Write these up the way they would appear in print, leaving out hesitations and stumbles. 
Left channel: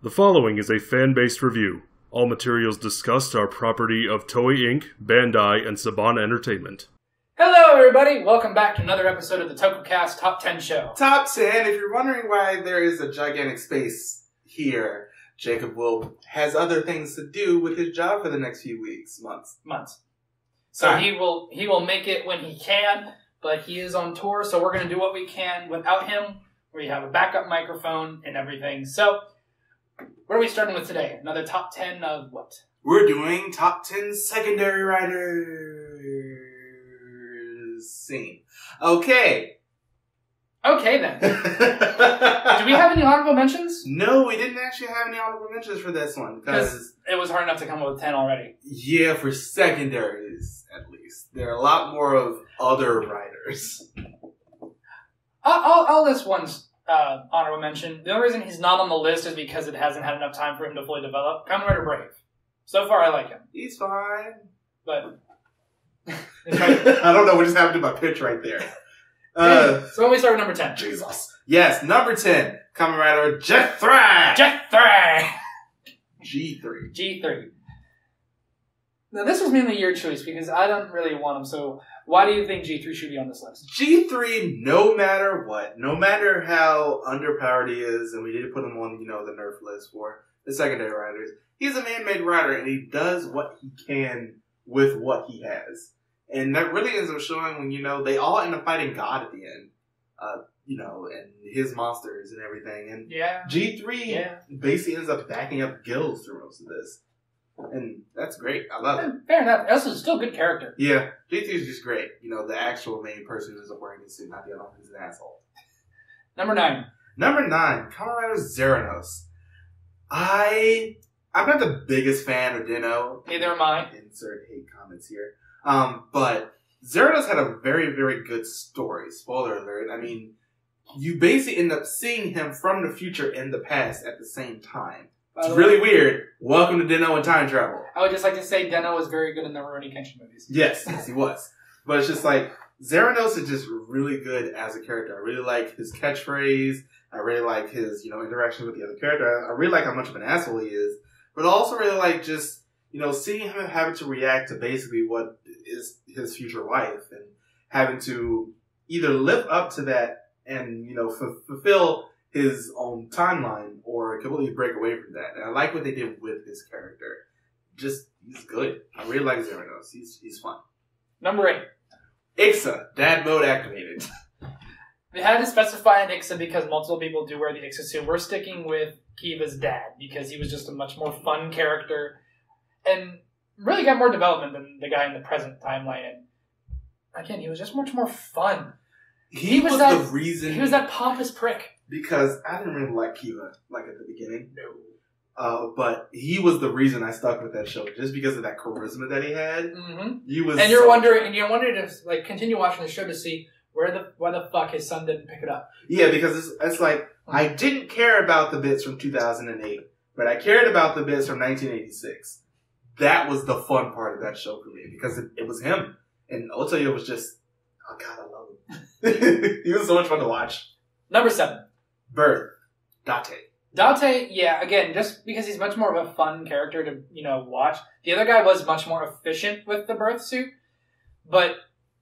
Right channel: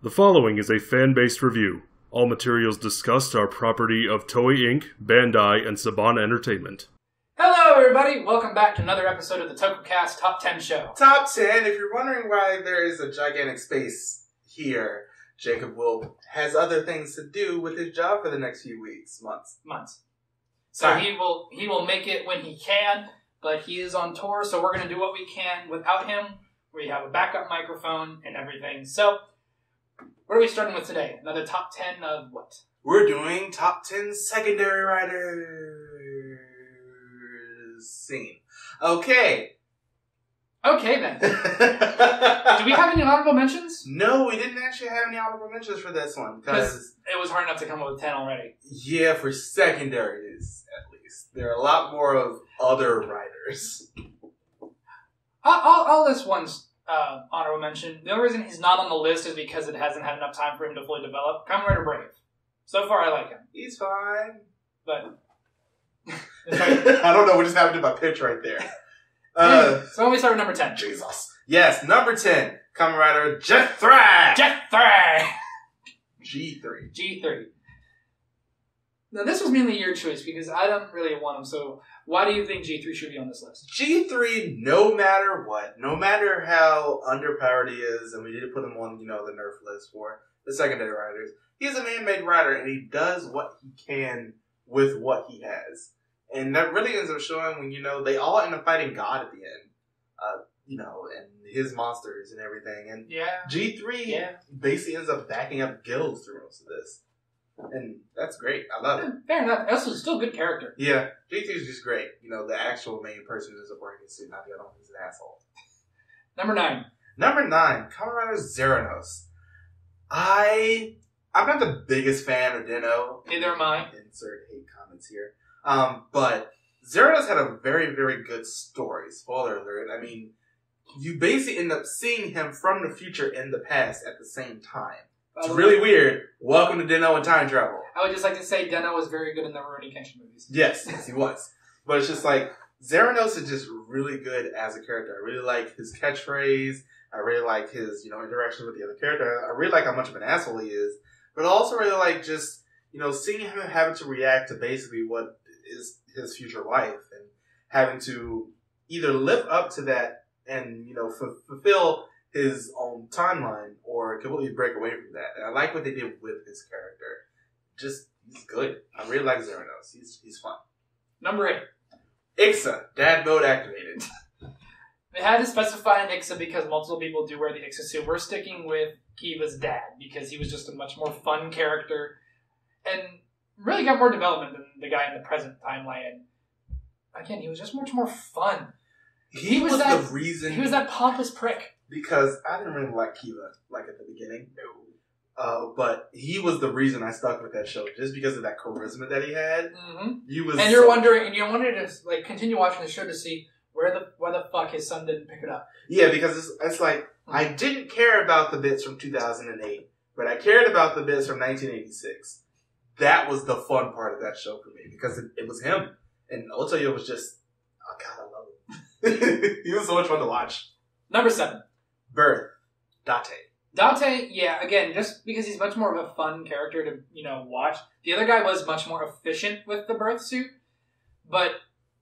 The following is a fan-based review. All materials discussed are property of Toei Inc., Bandai, and Saban Entertainment. Hello everybody, welcome back to another episode of the Tokucast Top 10 Show. Top 10, if you're wondering why there is a gigantic space here, Jacob has other things to do with his job for the next few weeks, months. So he will make it when he can, but he is on tour, so we're going to do what we can without him. We have a backup microphone and everything. So, what are we starting with today? Another top 10 of what? We're doing top 10 secondary writers scene. Okay. Okay then. Do we have any honorable mentions? No, we didn't actually have any honorable mentions for this one. Because it was hard enough to come up with 10 already. Yeah, for secondaries, at least. There are a lot more of other writers. I'll list one's honorable mention. The only reason he's not on the list is because it hasn't had enough time for him to fully develop. Kamen Rider Brave. So far, I like him. He's fine. But I don't know what just happened to my pitch right there. So when we start with number 10. Jesus. Yes, number 10. Kamen Rider G3. G3. Now, this was mainly your choice because I don't really want him, so why do you think G3 should be on this list? G3, no matter what, no matter how underpowered he is, and we did put him on, the nerf list for the secondary writers, he's a man-made writer, and he does what he can with what he has. And that really ends up showing when, they all end up fighting God at the end, and his monsters and everything. And G3 basically ends up backing up guilds through most of this. And that's great. I love it. Fair enough. Also, still a good character. Yeah. G3 is just great. The actual main person who ends up wearing the suit, not the other one who's an asshole. Number 9. Number 9, Kamen Rider Zeranos. I'm not the biggest fan of Dino. Neither am I. Insert hate comments here. But Zeranos had a very, very good story. Spoiler alert. I mean, you basically end up seeing him from the future and the past at the same time. It's really weird. Welcome to Dino and time travel. I would just like to say Dino was very good in the Rurouni Kenshin movies. Yes, he was. But it's just like, Zeranos is just really good as a character. I really like his catchphrase. I really like his, interactions with the other character. I really like how much of an asshole he is. But I also really like just, seeing him having to react to basically what is his future life and having to either live up to that and, fulfill his own timeline or completely break away from that. And I like what they did with his character. He's good. I really like Zeranos. He's fun. Number 8. Ixa, dad mode activated. We had to specify an Ixa because multiple people do wear the Ixa suit. We're sticking with Kiva's dad because he was just a much more fun character and really got more development than the guy in the present timeline. And again, he was just much more fun. He was the reason. He was that pompous prick. Because I didn't really like Kiva, at the beginning. No. But he was the reason I stuck with that show, just because of that charisma that he had. Mm-hmm. And you're wondering to continue watching the show to see why the fuck his son didn't pick it up. Yeah, because it's like, I didn't care about the bits from 2008, but I cared about the bits from 1986. That was the fun part of that show for me, because it was him. And Otoyo was just, oh god, I love him. He was so much fun to watch. Number 7. Birth. Date. Date, yeah, again, just because he's much more of a fun character to, watch. The other guy was much more efficient with the birth suit, but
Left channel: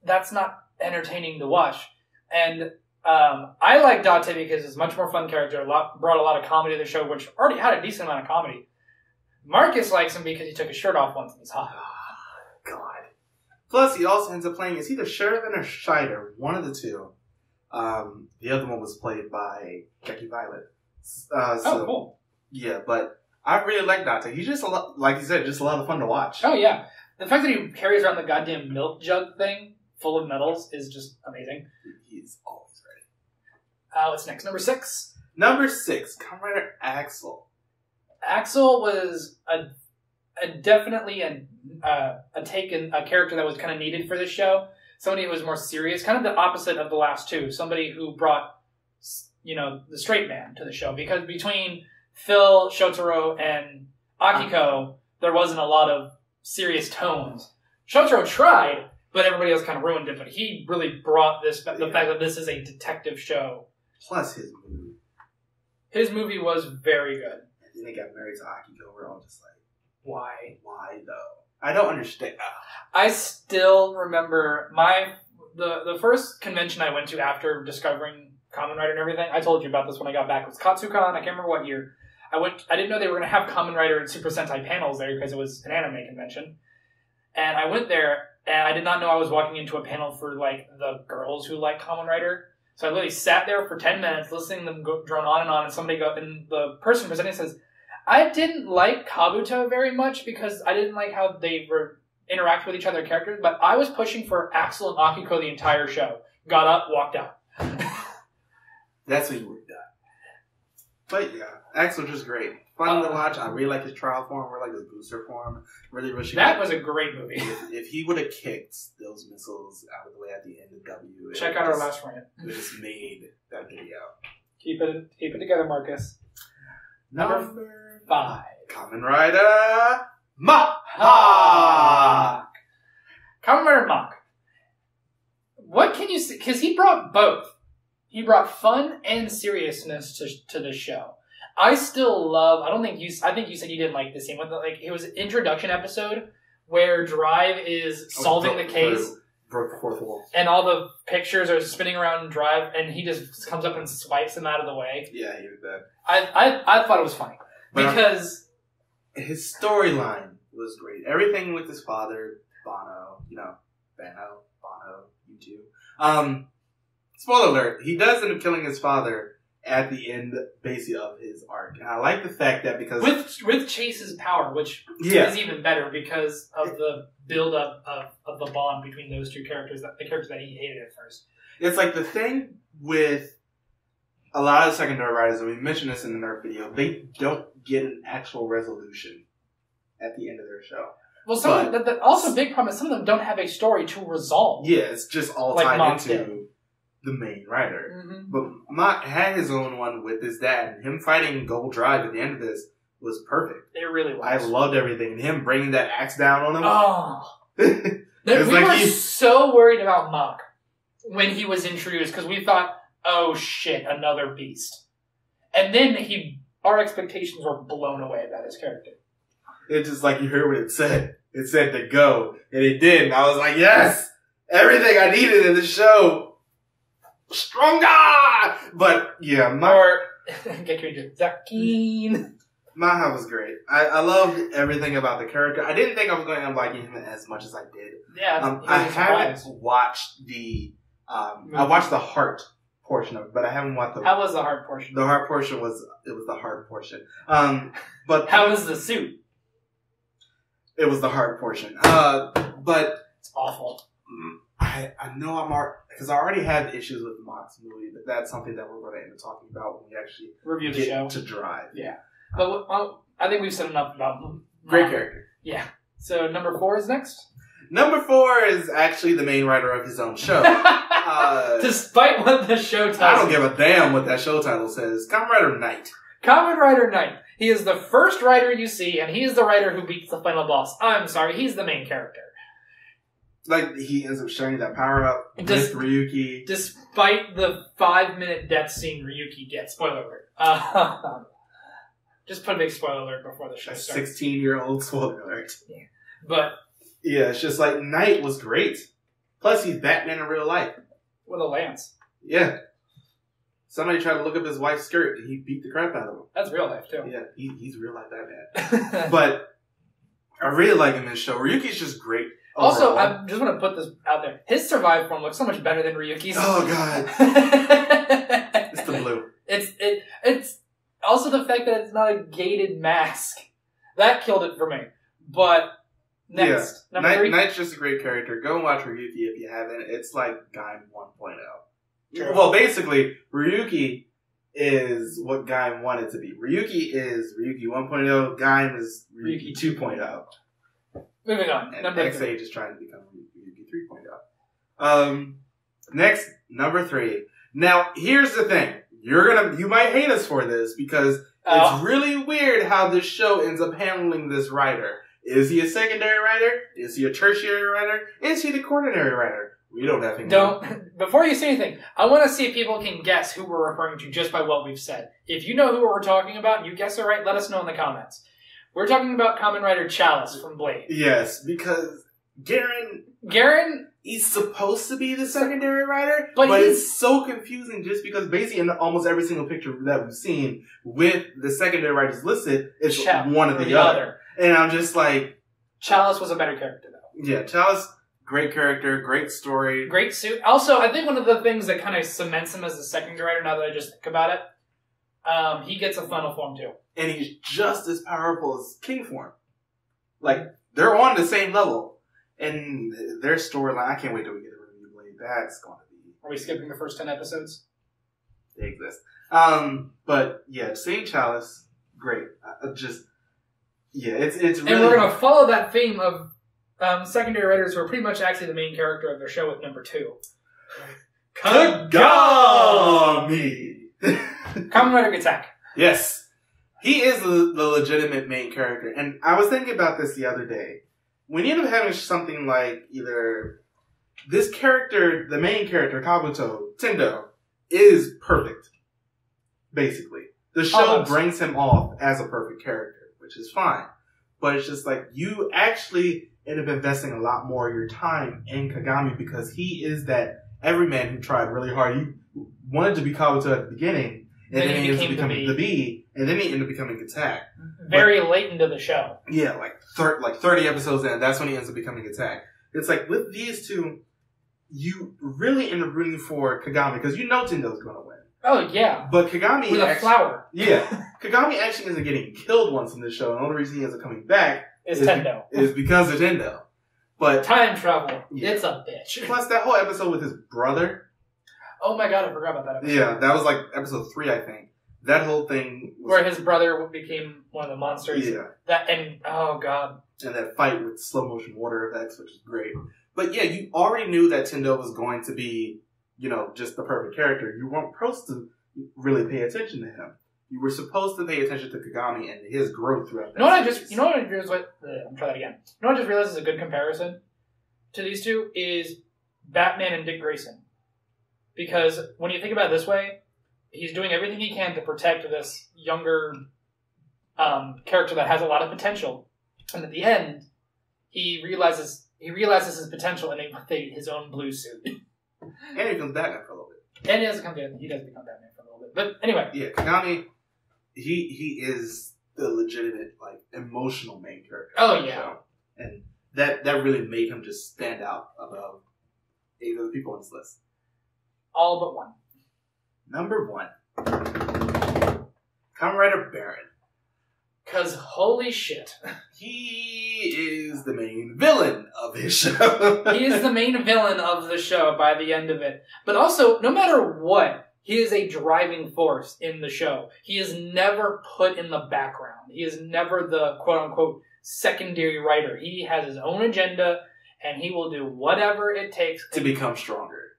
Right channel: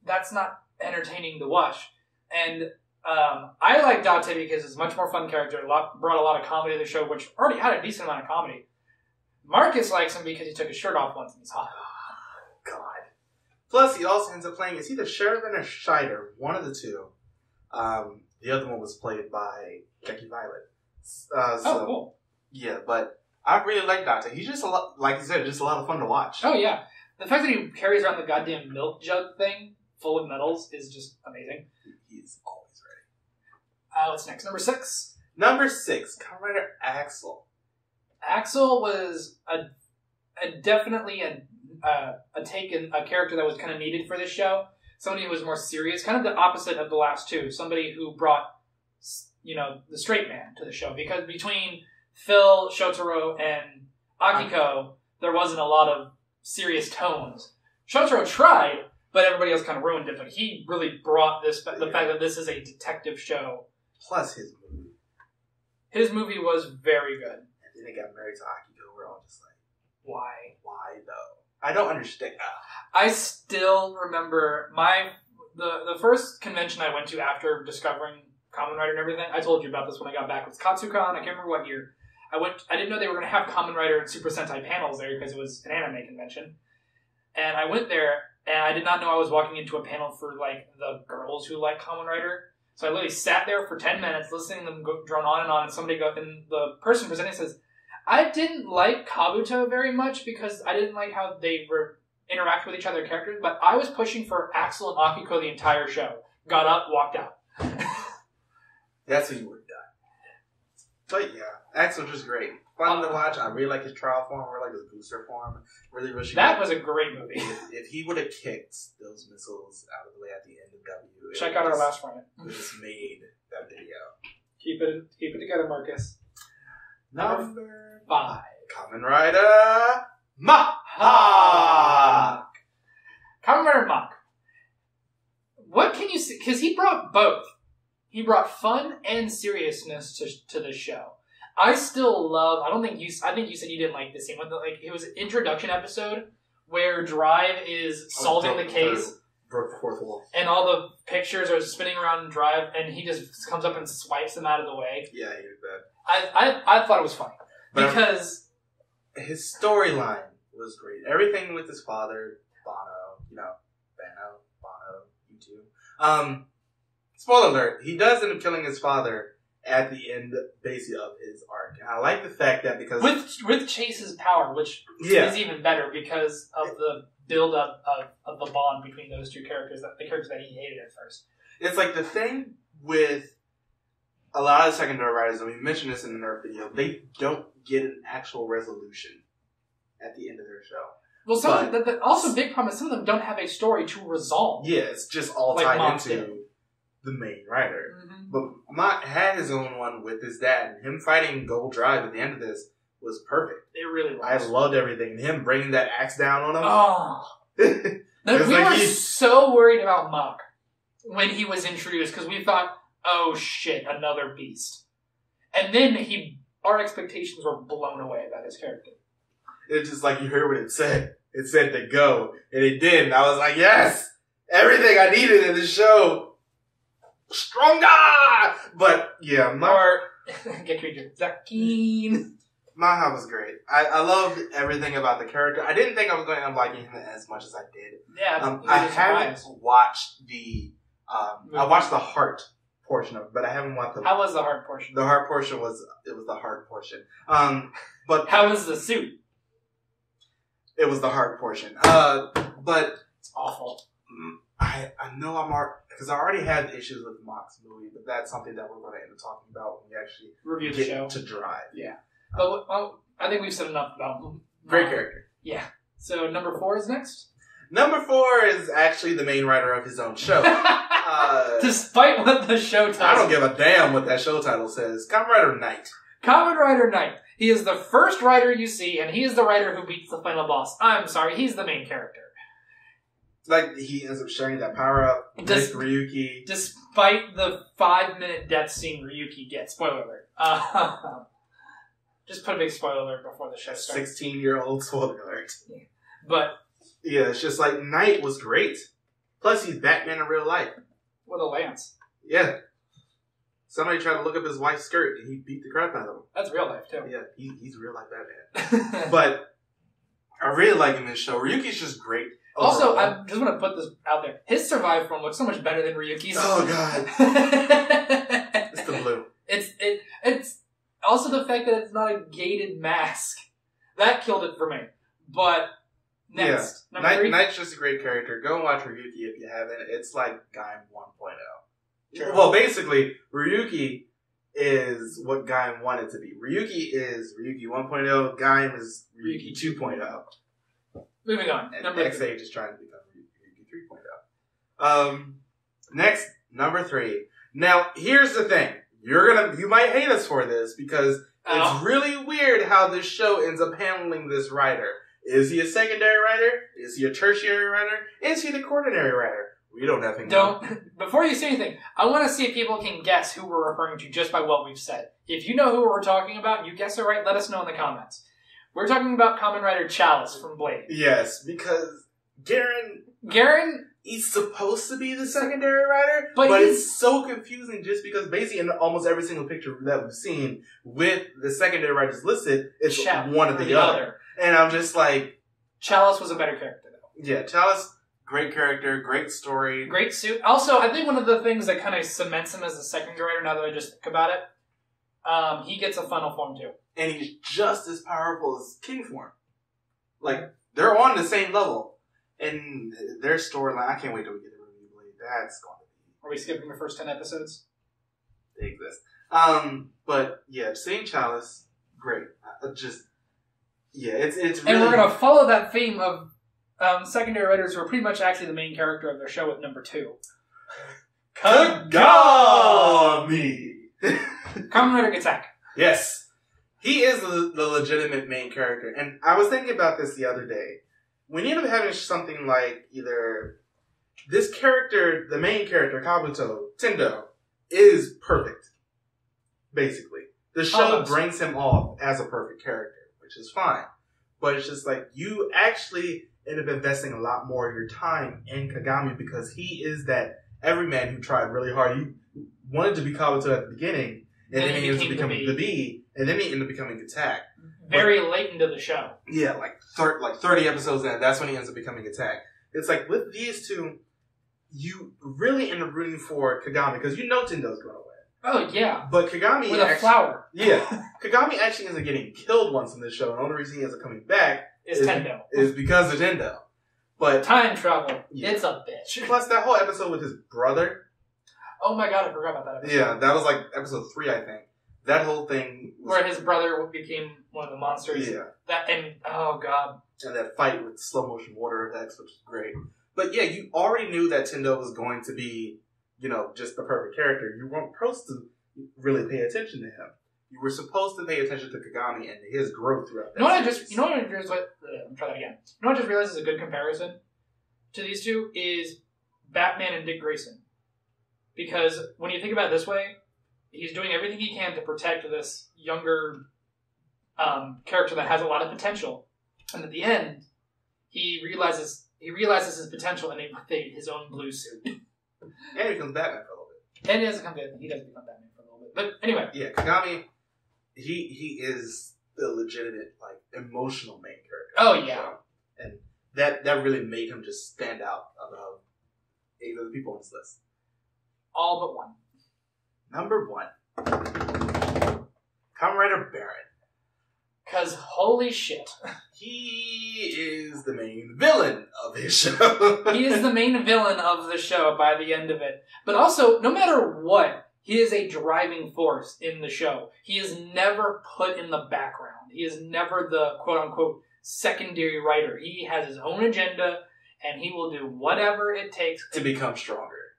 that's not entertaining to watch. And I like Date because it's a much more fun character, brought a lot of comedy to the show, which already had a decent amount of comedy. Marcus likes him because he took his shirt off once and he's hot. Oh, God. Plus, he also ends up playing, it's either Sheridan or Scheider, one of the two. The other one was played by Jackie Violet. Cool. Yeah, but I really like Date. He's just like you said, just a lot of fun to watch. Oh, yeah. The fact that he carries around the goddamn milk jug thing full of medals is just amazing. He's always ready. What's next? Number 6? Number 6, Kamen Rider Axel. Axel was definitely a character that was kind of needed for this show. Somebody who was more serious, kind of the opposite of the last two. Somebody who brought, the straight man to the show. Because between Phil, Shotaro, and Akiko, there wasn't a lot of serious tones. Shotaro tried, but everybody else kind of ruined it. But he really brought the fact that this is a detective show. Plus his movie. His movie was very good. And then they got married to Akiko. We're all just like, Why? why though? I don't understand. I still remember the first convention I went to after discovering Kamen Rider and everything. I told you about this when I got back. It was Katsucon. I can't remember what year. I didn't know they were going to have Kamen Rider and Super Sentai panels there because it was an anime convention. And I went there, and I did not know I was walking into a panel for, like, the girls who like Kamen Rider. So I literally sat there for 10 minutes listening to them drone on, and and the person presenting says, I didn't like Kabuto very much because I didn't like how they were interact with each other characters, but I was pushing for Axel and Akiko the entire show. Got up, walked out. That's when you were done. But yeah, Axel's just great. Fun to watch. I really like his trial form. I really like his booster form. Really wish that was a great movie. If he would have kicked those missiles out of the way at the end of W, check out our last rant. We just made that video. Keep it together, Marcus. Number 5. Kamen Rider Mach. Kamen Rider Mach. What can you say? Because he brought both. He brought fun and seriousness to the show. I still love. I think you said you didn't like the scene. It was an introduction episode where Drive is solving the case. Broke the fourth wall. And all the pictures are spinning around Drive, and he just comes up and swipes them out of the way. Yeah, he did that. I thought it was funny. Because his storyline was great. Everything with his father, Bono, you too. Spoiler alert, he does end up killing his father at the end, basically, of his arc. And I like the fact that because... With Chase's power, which is even better because of the build-up of the bond between those two characters, the characters that he hated at first. It's like the thing with a lot of secondary writers, and we mentioned this in the Nerf video, they don't get an actual resolution at the end of their show. Well, also big problem is some of them don't have a story to resolve. Yeah, it's just all like tied Mach into did. The main writer. Mm-hmm. But Mach had his own one with his dad, and him fighting Gold Drive at the end of this was perfect. It really was. I loved everything, and him bringing that axe down on him. Oh. We were so worried about Mach when he was introduced, because we thought, oh shit, another beast. And then our expectations were blown away about his character. It's just like you heard what it said. It said to go, and it did, and I was like, yes! Everything I needed in the show. Stronger! But, yeah, get your Zakine. Maha was great. I loved everything about the character. I didn't think I was going to like him as much as I did. Yeah, I haven't watched the I watched the heart portion of it, but I haven't watched the... How was the heart portion? The heart portion was the heart portion. But how was the suit? It was the heart portion. But it's awful. I know because I already had issues with Mach's movie, but that's something that we're going to end up talking about when we actually review the show to Drive. Yeah, but I think we've said enough about him. Great character. Yeah. So number 4 is next. Number 4 is actually the main writer of his own show. Despite what the show title, I don't give a damn what that show title says. Kamen Rider Knight. Kamen Rider Knight. He is the first writer you see, and he is the writer who beats the final boss. I'm sorry, he's the main character. Like, he ends up sharing that power-up with Ryuki. Despite the 5-minute death scene Ryuki gets. Spoiler alert. Just put a big spoiler alert before the show starts. 16-year-old spoiler alert. Yeah. But... yeah, it's just like, Knight was great. Plus, he's Batman in real life. With a lance. Yeah. Somebody tried to look up his wife's skirt, and he beat the crap out of him. That's real life, too. Yeah, he's real life Batman. But I really like him in this show. Ryuki's just great. Also, I just want to put this out there. His survive form looks so much better than Ryuki's. Oh, God. It's the blue. It's also the fact that it's not a gated mask. That killed it for me. But next, yeah. number 3. Knight's just a great character. Go watch Ryuki if you haven't. It's like Gaim 1.0. True. Well, basically, Ryuki is what Gaim wanted to be. Ryuki is Ryuki 1.0. Gaim is Ryuki 2.0. Moving on. And number XH 3. Is trying to become Ryuki 3.0. Next, number 3. Now, here's the thing. You might hate us for this because it's really weird how this show ends up handling this writer. Is he a secondary writer? Is he a tertiary writer? Is he the quaternary writer? We don't have anything. Don't. Before you say anything, I want to see if people can guess who we're referring to just by what we've said. If you know who we're talking about and you guess it right, let us know in the comments. We're talking about Kamen Rider Chalice from Blade. Yes, because Garen, he's supposed to be the secondary writer, but it's so confusing just because basically in almost every single picture that we've seen with the secondary writers listed, it's one or the other. And I'm just like... Chalice was a better character, though. Yeah, Chalice, great character, great story. Great suit. Also, I think one of the things that kind of cements him as the secondary writer, now that I just think about it, he gets a final form, too. And he's just as powerful as King form. Like, they're on the same level. And their storyline, I can't wait till we get a review Blade. That's going to be... Are we skipping the first 10 episodes? They exist. But, yeah, seeing Chalice, great. It's really... And we're going to follow that theme of secondary writers who are pretty much actually the main character of their show with number 2. Kagami! Kamen Rider Attack. Yes. He is the legitimate main character. And I was thinking about this the other day. We need to having something like either this character, the main character, Kabuto, Tendo, is perfect. Basically. The show brings him off as a perfect character, which is fine. But it's just like, you actually end up investing a lot more of your time in Kagami because he is that everyman who tried really hard. He wanted to be Kabuto at the beginning, and then he ended up becoming the Bee, and then he ended up becoming Attack. Very late into the show. Yeah, like 30 episodes in, that's when he ends up becoming Attack. It's like, with these two, you really end up rooting for Kagami, because you know Tendo's going to win. Oh, yeah. But Kagami... With a flower. Yeah. Kagami actually ends up getting killed once in this show, and the only reason he ends up coming back is Tendo. Is because of Tendo. But time travel. Yeah. It's a bitch. Plus, that whole episode with his brother... Oh my god, I forgot about that episode. Yeah, that was like episode 3, I think. That whole thing was... Where his brother became one of the monsters. Yeah. Oh god. And that fight with slow motion water effects, which is great. But yeah, you already knew that Tendo was going to be, just the perfect character. You weren't supposed to really pay attention to him. You were supposed to pay attention to Kagami and his growth throughout that series. I'm try that again. You know what I just realized is a good comparison to these two is Batman and Dick Grayson. Because when you think about it this way, he's doing everything he can to protect this younger character that has a lot of potential. And at the end, he realizes his potential in his own blue suit. And he becomes Batman for a little bit. And he does become Batman for a little bit. But anyway. Yeah, Kagami, he is the legitimate, emotional main character. Oh, yeah. Show. And that really made him just stand out above 8 other people on this list. All but one. Number 1. Kamen Rider Baron. Because holy shit. He is the main villain of his show. He is the main villain of the show by the end of it. But also, no matter what, he is a driving force in the show. He is never put in the background. He is never the quote-unquote secondary writer. He has his own agenda, and he will do whatever it takes to become stronger.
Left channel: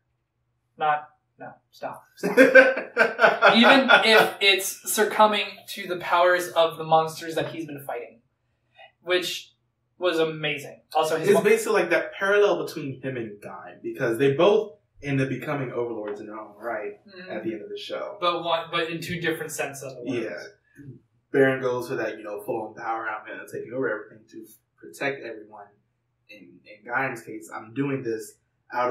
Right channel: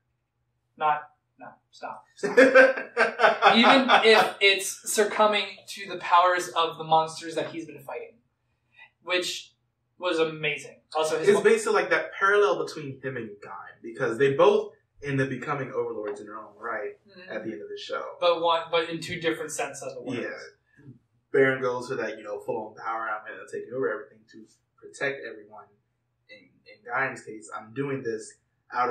Stop. Even if it's succumbing to the powers of the monsters that he's been fighting. Which was amazing. Also, it's basically like that parallel between him and Guy, because they both end up becoming overlords in their own right at the end of the show. But in 2 different senses of the words. Yeah. Baron goes for that, full-on power out and taking over everything to protect everyone. In Guy's case, I'm doing this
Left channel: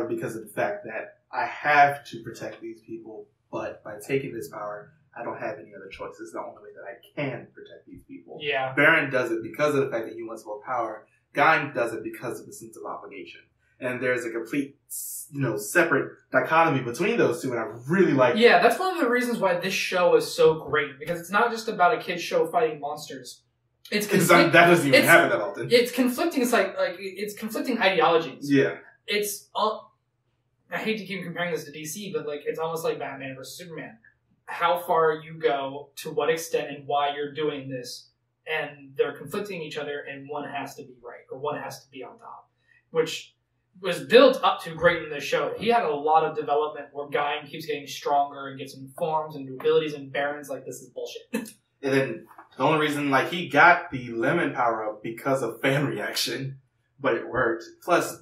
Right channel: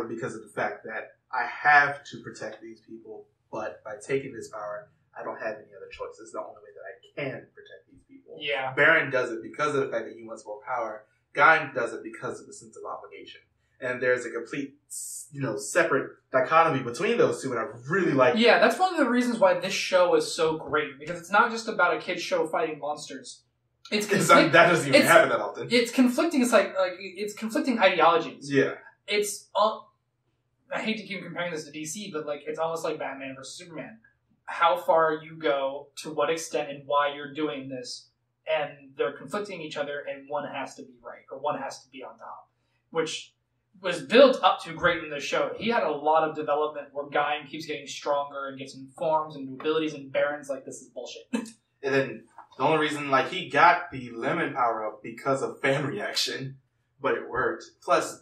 because of the fact that I have to protect these people, but by taking this power, I don't have any other choice. It's the only way that I can protect these people. Yeah. Baron does it because of the fact that he wants more power. Guy does it because of the sense of obligation. And there's a complete, separate dichotomy between those two, and I really like it. Yeah, that's one of the reasons why this show is so great, because it's not just about a kid's show fighting monsters. That doesn't even happen that often. It's conflicting. It's it's conflicting ideologies. Yeah. It's I hate to keep comparing this to DC, but it's almost like Batman versus Superman. How far you go, to what extent, and why you're doing this, and they're conflicting each other, and one has to be right, or one has to be on top, which was built up to great in the show. He had a lot of development where Guy keeps getting stronger and gets new forms and new abilities, and Baron's this is bullshit. And then the only reason he got the lemon power up because of fan reaction, but it worked. Plus,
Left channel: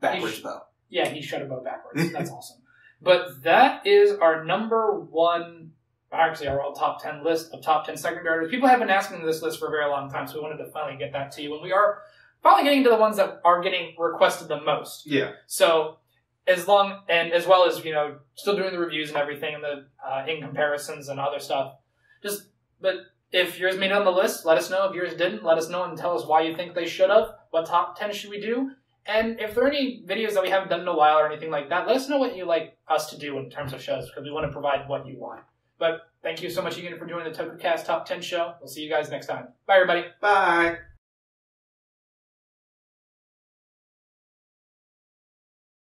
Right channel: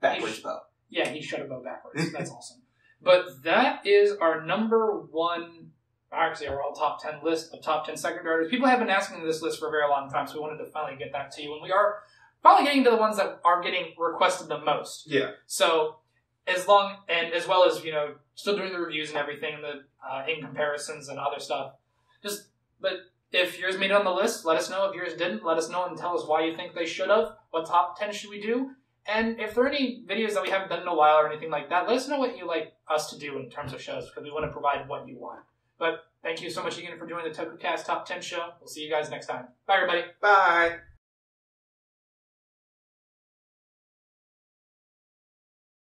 backwards bow. Yeah, he shut a bow backwards. That's awesome. But that is our number one, actually our all top 10 list of top 10 secondary artists. People have been asking this list for a very long time, so we wanted to finally get that to you. And we are finally getting to the ones that are getting requested the most. Yeah. So as well as, still doing the reviews and everything and the in comparisons and other stuff. But if yours made it on the list, let us know. If yours didn't, let us know and tell us why you think they should have. What top 10 should we do? And if there are any videos that we haven't done in a while or anything like that, let us know what you like us to do in terms of shows, because we want to provide what you want. But thank you so much again for doing the Tokucast Top 10 show. We'll see you guys next time. Bye, everybody. Bye.